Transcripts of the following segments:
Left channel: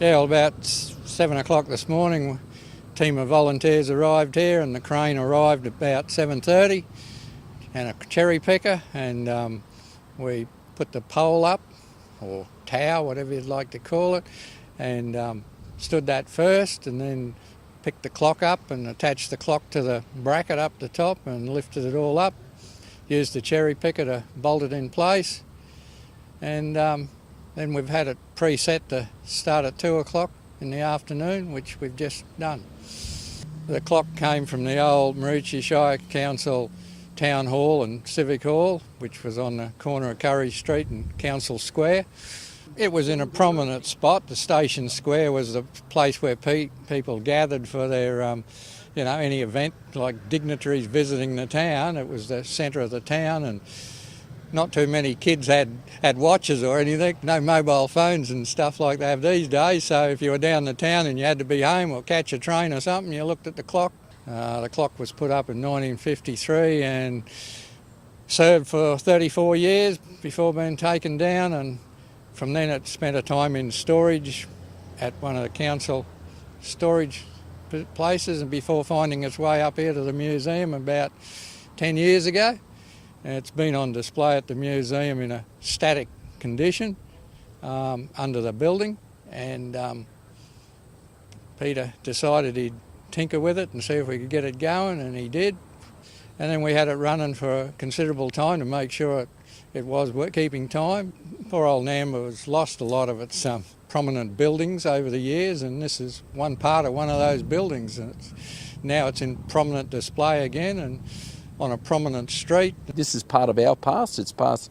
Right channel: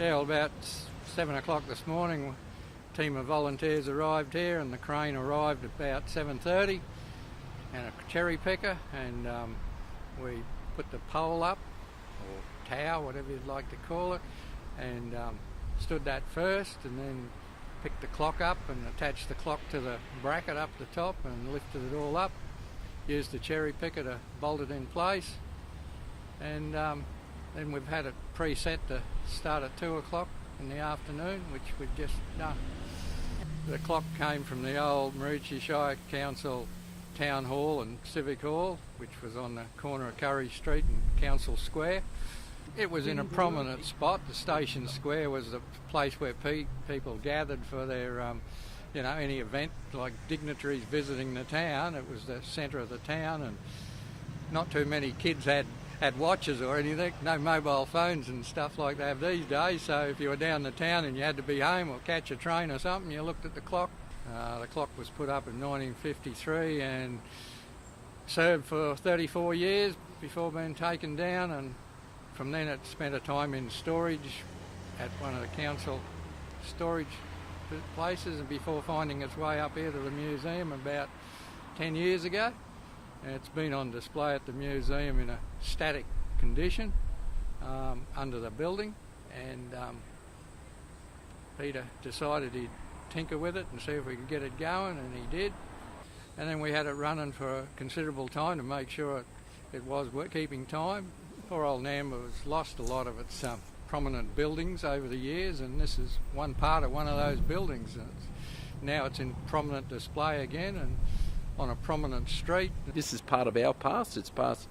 Yeah, well, about 7 o'clock this morning, a team of volunteers arrived here and the crane arrived about 7:30 and a cherry picker, and we put the pole up, or tower, whatever you'd like to call it, and stood that first, and then picked the clock up and attached the clock to the bracket up the top and lifted it all up, used the cherry picker to bolt it in place, and then we've had it preset to start at 2 o'clock in the afternoon, which we've just done. The clock came from the old Maroochy Shire Council Town Hall and Civic Hall, which was on the corner of Currie Street and Council Square. It was in a prominent spot. The Station Square was the place where people gathered for their, any event, like dignitaries visiting the town. It was the centre of the town, and not too many kids had watches or anything, no mobile phones and stuff like they have these days. So if you were down the town and you had to be home or catch a train or something, you looked at the clock. The clock was put up in 1953 and served for 34 years before being taken down, and from then it spent a time in storage at one of the council storage places, and before finding its way up here to the museum about 10 years ago. It's been on display at the museum in a static condition under the building, and Peter decided he'd tinker with it and see if we could get it going, and he did. And then we had it running for a considerable time to make sure it was keeping time. Poor old Nambour has lost a lot of its prominent buildings over the years, and this is one part of one of those buildings. And now it's in prominent display again and on a prominent street. This is part of our past. It's past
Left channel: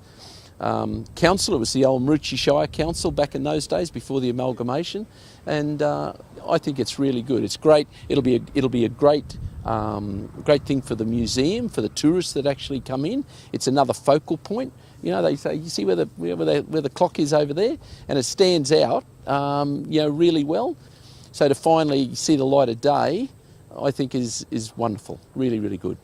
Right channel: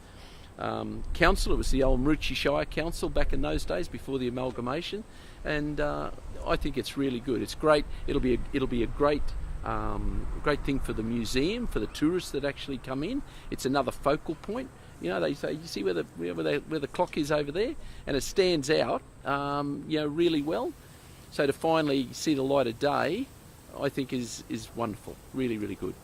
council. It was the old Maroochy Shire Council back in those days before the amalgamation, and I think it's really good. It's great. It'll be a great thing for the museum, for the tourists that actually come in. It's another focal point. You know, they say, you see where the clock is over there, and it stands out, really well. So to finally see the light of day, I think is wonderful. Really, really good.